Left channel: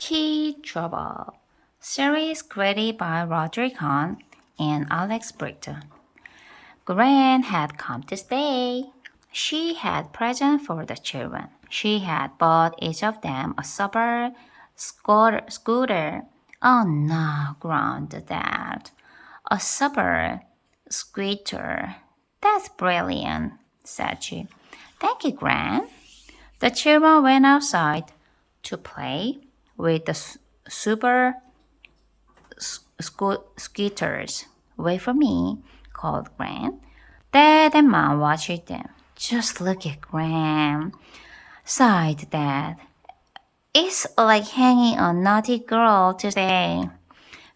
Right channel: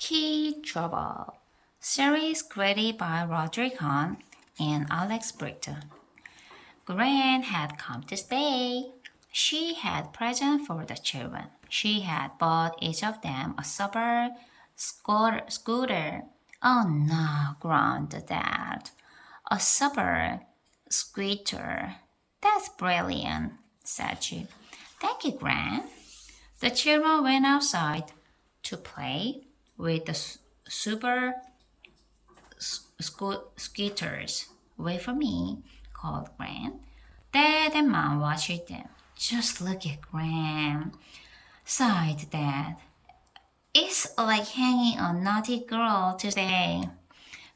Key Trouble, series created by Roger Kahn and Alex Britton. Gran had come to stay. She had presents for the children. She had bought each of them a super scooter. Oh no, groaned Dad. A super scooter. That's brilliant, said she. Thank you, Gran. The children went outside to play with the super scooters. Wait for me, called Gran. Dad and Mom watched them. Just look at Gran, sighed Dad. It's like hanging a naughty girl today.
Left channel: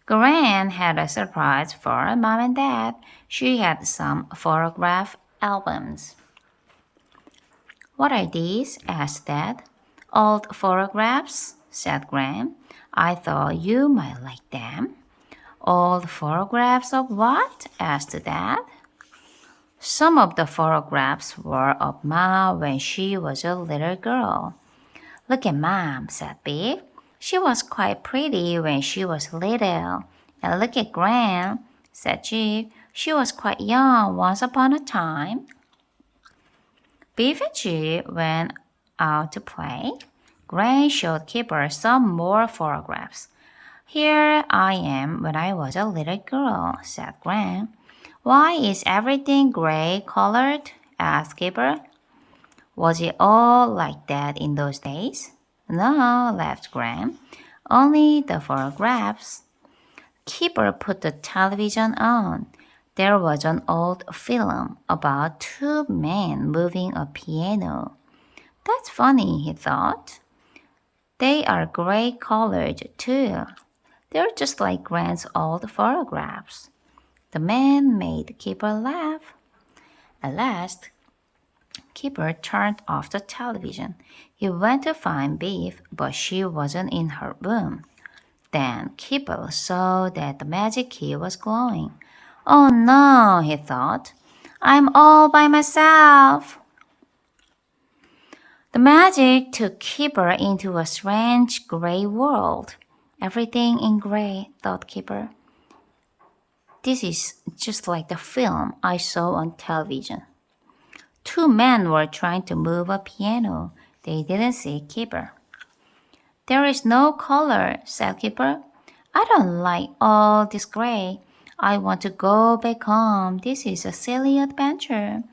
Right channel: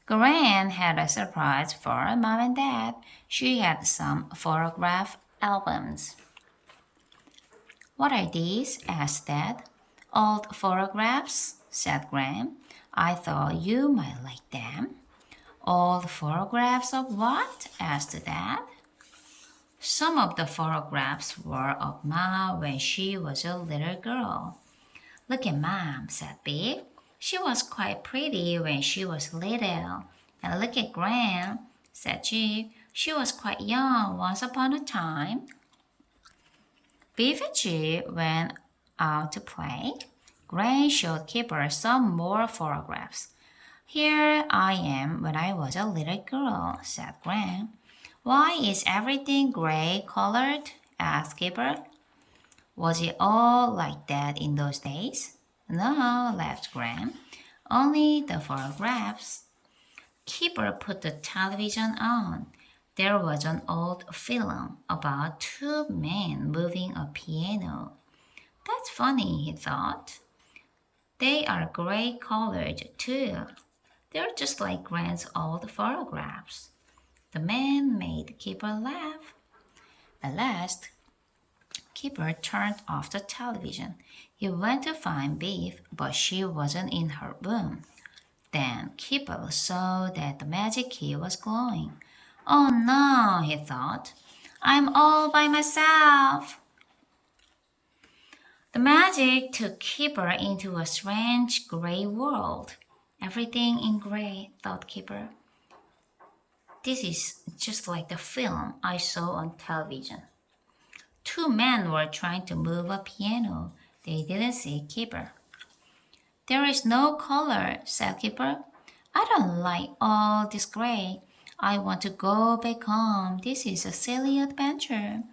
Gran had a surprise for Mom and Dad. She had some photograph albums. What are these? Asked Dad. Old photographs, said Gran. I thought you might like them. Old photographs of what? asked Dad. Some of the photographs were of Mom when she was a little girl. Look at Mom, said Biff. She was quite pretty when she was little. And look at Gran, said Jeep. She was quite young once upon a time. Biff and Jeep went out to play. Gran showed Kipper some more photographs. Here I am when I was a little girl, said Gran. Why is everything gray colored? asked Kipper. Was it all like that in those days? No, laughed Gran. Only the photographs. Kipper put the television on. There was an old film about two men moving a piano. That's funny, he thought. They are gray colored too. They're just like Gran's old photographs. The man made Kipper laugh. At last, Kipper turned off the television. He went to find Beef, but she wasn't in her room. Then Kipper saw that the magic key was glowing. Oh no, he thought. I'm all by myself. The magic took Kipper into a strange gray world. Everything in gray, thought Kipper. This is just like the film I saw on television. Two men were trying to move a piano. They didn't see Kipper. There is no color, said Kipper. I don't like all this gray. I want to go back home. This is a silly adventure.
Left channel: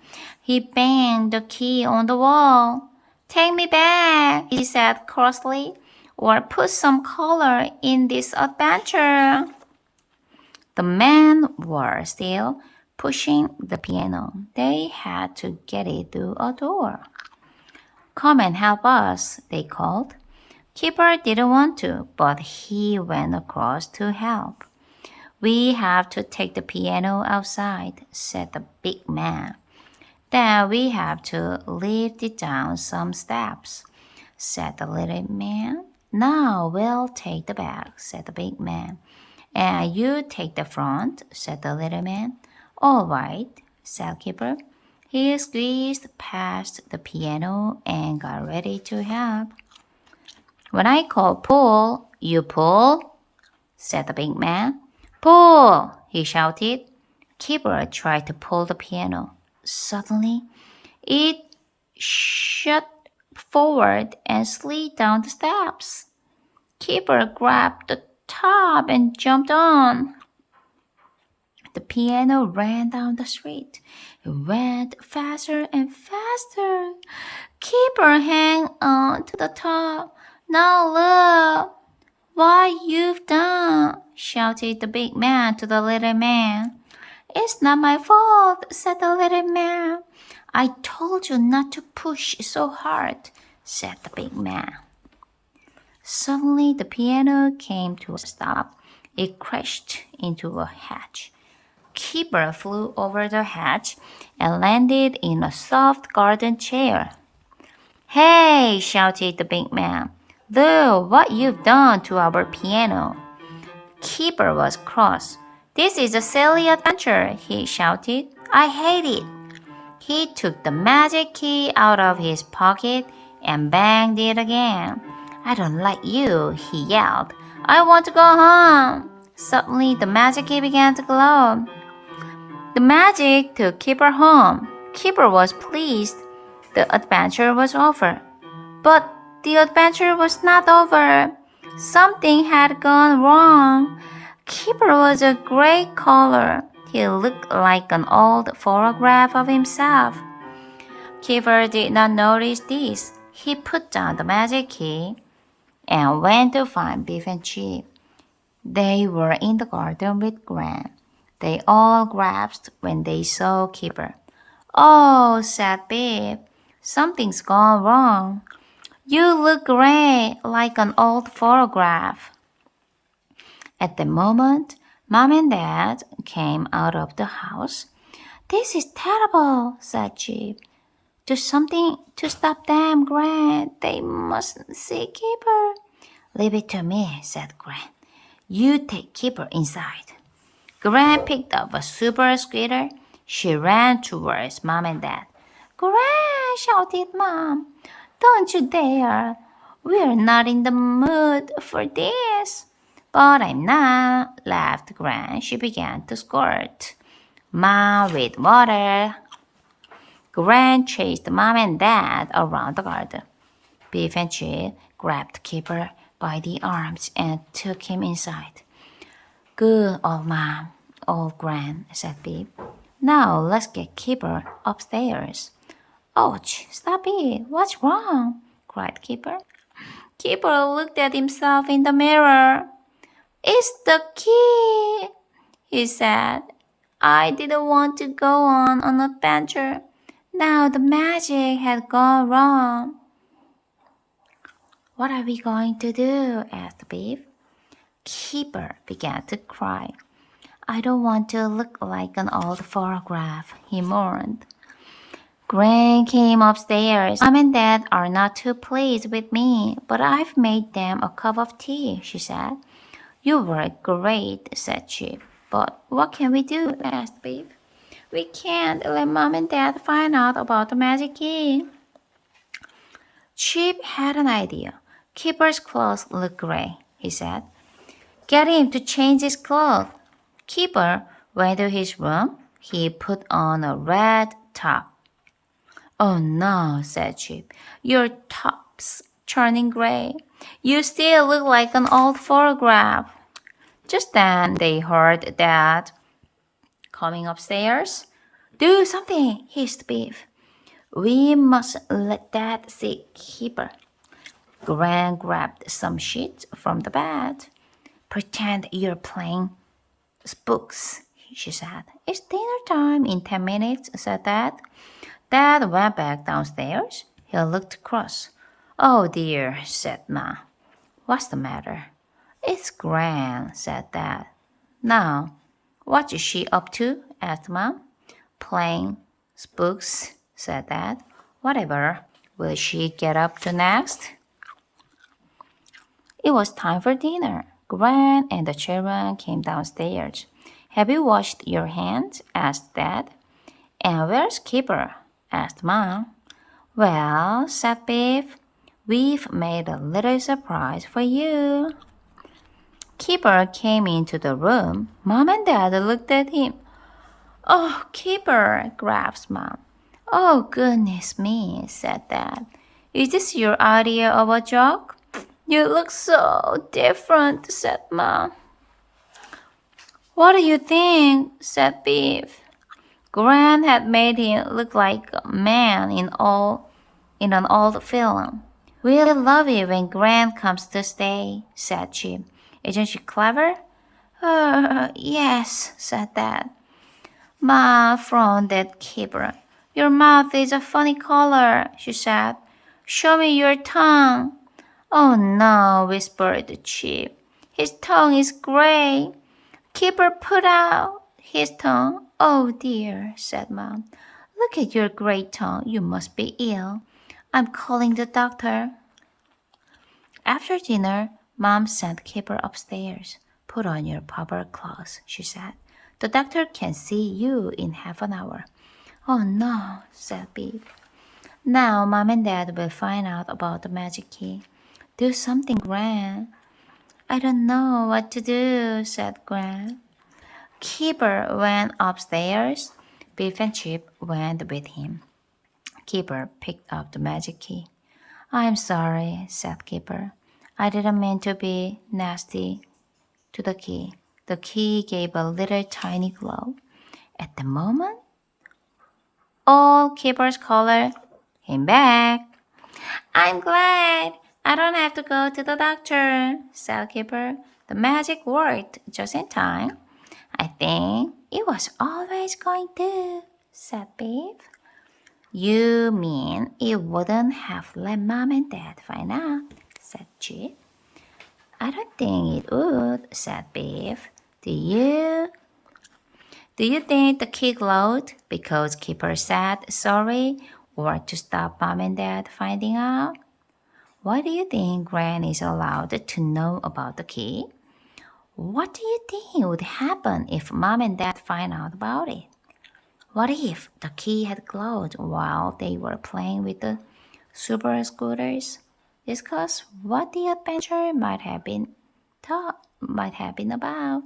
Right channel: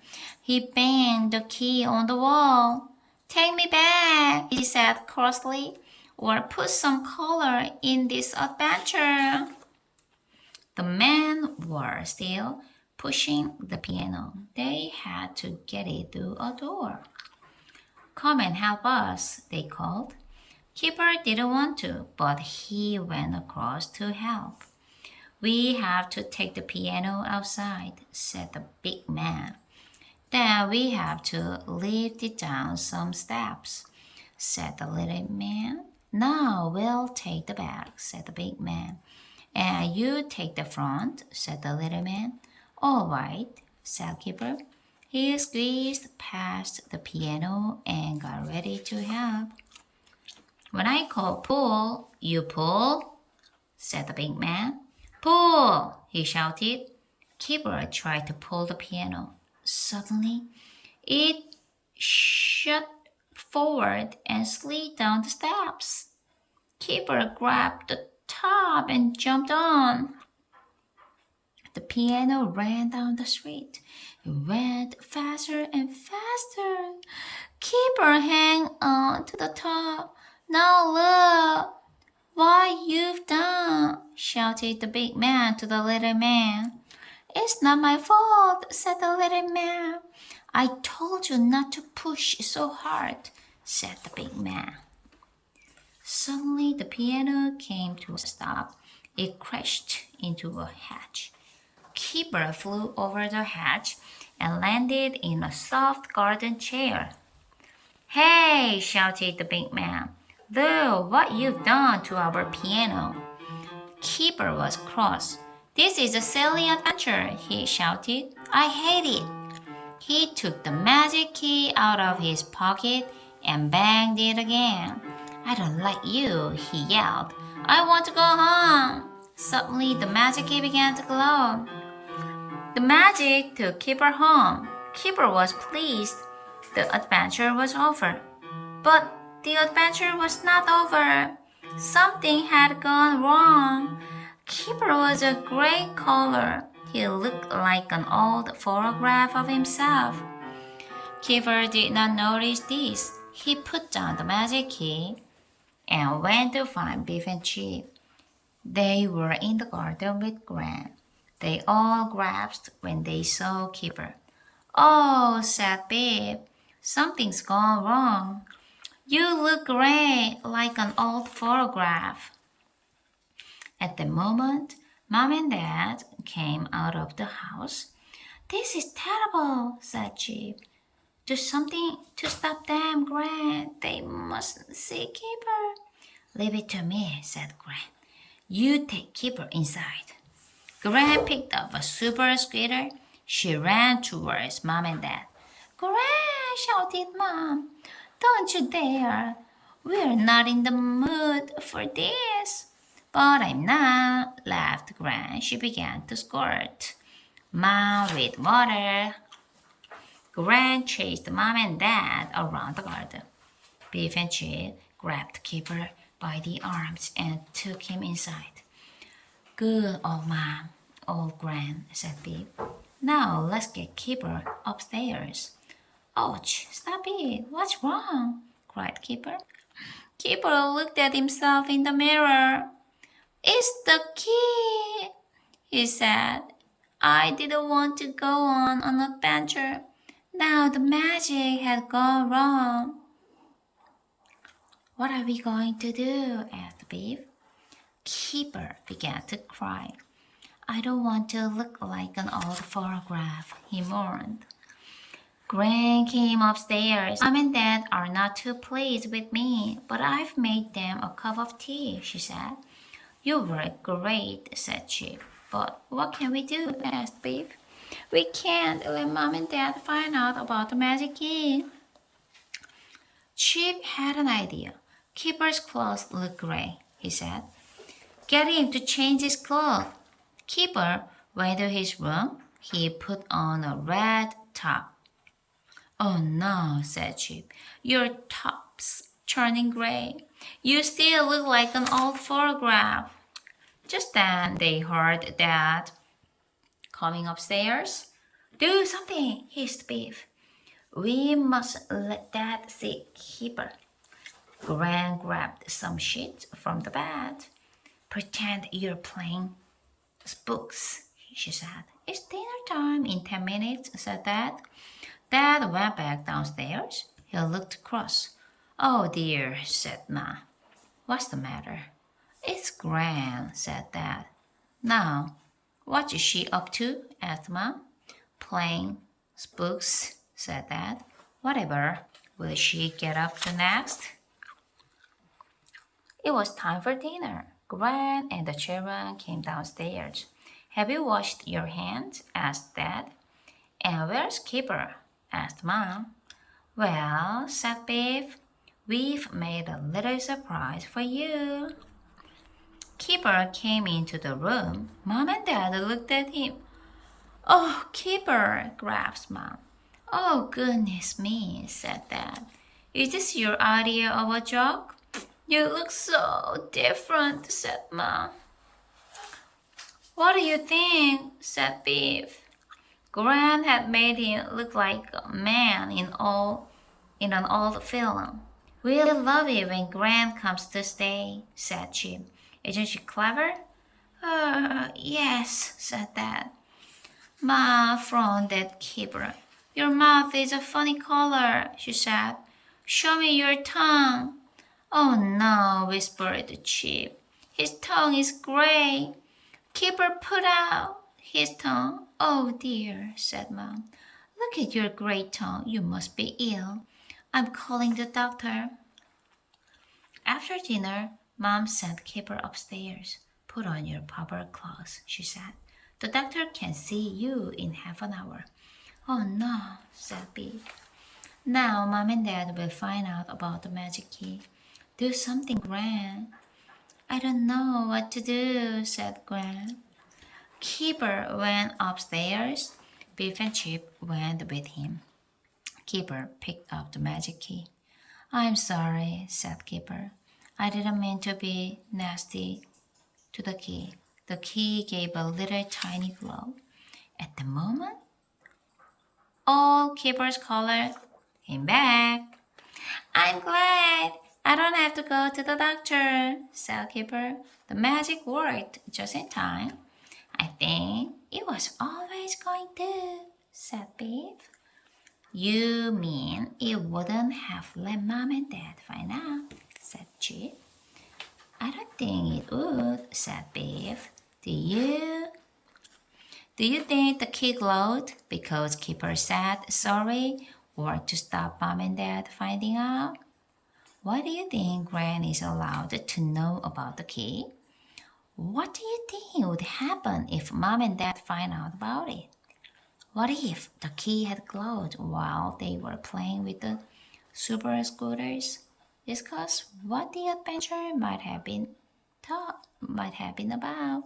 He banged the key on the wall. Take me back, he said crossly, or put some color in this adventure. The men were still pushing the piano. They had to get it through a door. Come and help us, they called. Kipper didn't want to, but he went across to help. We have to take the piano outside, said the big man. Then we have to lift it down some steps, said the little man. Now we'll take the back, said the big man. And you take the front, said the little man. All right, said Kipper. He squeezed past the piano and got ready to help. When I call pull, you pull, said the big man. Pull, he shouted. Kipper tried to pull the piano. Suddenly, it shot forward and slid down the steps. Kipper grabbed the top and jumped on. The piano ran down the street. It went faster and faster. Kipper hang on to the top. Now look what you've done, shouted the big man to the little man. It's not my fault, said the little man. I told you not to push so hard, said the big man. Suddenly the piano came to a stop. It crashed into a hedge. Kipper flew over the hedge and landed in a soft garden chair. Hey, shouted the big man. Look what you've done to our piano. Kipper was cross. This is a silly adventure, he shouted. I hate it. He took the magic key out of his pocket and banged it again. I don't like you, he yelled. I want to go home. Suddenly, the magic key began to glow. The magic took Keeper home. Keeper was pleased. The adventure was over. But the adventure was not over. Something had gone wrong. Keeper was a gray color. He looked like an old photograph of himself. Keeper did not notice this. He put down the magic key and went to find Beef and Chip. They were in the garden with Gran. They all gasped when they saw Keeper. Oh, said Beef, something's gone wrong. You look gray, like an old photograph. At the moment, Mom and Dad came out of the house. This is terrible, said Chip. Do something to stop them, Gran. They mustn't see Keeper. Leave it to me, said Gran. You take Keeper inside. Gran picked up a super scooter. She ran towards Mom and Dad. Gran, shouted Mom. Don't you dare. We're not in the mood for this. But I'm not, laughed Gran. She began to squirt. Mom with water. Gran chased Mom and Dad around the garden. Beef and Chip grabbed Keeper by the arms and took him inside. Good old Mom, old Gran, said Beef. Now let's get Keeper upstairs. Ouch, stop it, what's wrong? Cried Keeper. Keeper looked at himself in the mirror. It's the key, he said. I didn't want to go on an adventure. Now the magic had gone wrong. What are we going to do? Asked Beef. Keeper began to cry. I don't want to look like an old photograph, he mourned. Gran came upstairs. Mom and Dad are not too pleased with me, but I've made them a cup of tea, she said. You were great, said Chip. But what can we do? Asked Beef. We can't let Mom and Dad find out about the magic key. Chip had an idea. Keeper's clothes look gray, he said. Get him to change his clothes. Keeper went to his room. He put on a red top. Oh no, said Chip. Your top's turning gray. You still look like an old photograph. Just then they heard Dad coming upstairs. Do something, hissed Beef. We mustn't let Dad see Keeper. Gran grabbed some sheets from the bed. Pretend you're playing spooks, she said. It's dinner time in 10 minutes, said Dad. Dad went back downstairs. He looked cross. Oh dear, said Ma. What's the matter? It's Gran, said Dad. Now, what is she up to? Asked Mom. Playing spooks, said Dad. Whatever. Will she get up to next? It was time for dinner. Gran and the children came downstairs. Have you washed your hands? Asked Dad. And where's Keeper? Asked Mom. Well, said Beef, we've made a little surprise for you. Keeper came into the room. Mom and Dad looked at him. Oh, Keeper, gasped Mom. Oh, goodness me, said Dad. Is this your idea of a joke? You look so different, said Mom. What do you think? Said Beef. Gran had made him look like a man in an old film. We'll love it when Gran comes to stay, said Chip. Isn't she clever? Yes, said Dad. Ma frowned at Keeper. Your mouth is a funny color, she said. Show me your tongue. Oh no, whispered Chip. His tongue is gray. Keeper put out his tongue. Oh dear, said Mom. Look at your gray tongue. You must be ill. I'm calling the doctor. After dinner, Mom sent Keeper upstairs. Put on your proper clothes, she said. The doctor can see you in half an hour. Oh no, said Beef. Now Mom and Dad will find out about the magic key. Do something, Gran. I don't know what to do, said Gran. Keeper went upstairs. Beef and Chip went with him. Keeper picked up the magic key. I'm sorry, said Keeper. I didn't mean to be nasty to the key. The key gave a little tiny glow. At the moment, all Keeper's color came back. I'm glad I don't have to go to the doctor, said Keeper. The magic worked just in time. I think it was always going to, said Beef. You mean it wouldn't have let Mom and Dad find out, said Chip. I don't think it would, said Beef. Do you? Do you think the key glowed because Keeper said sorry or to stop Mom and Dad finding out? Why do you think Gran is allowed to know about the key? What do you think would happen if Mom and Dad find out about it? What if the key had glowed while they were playing with the super scooters? Discuss what the adventure might have been about.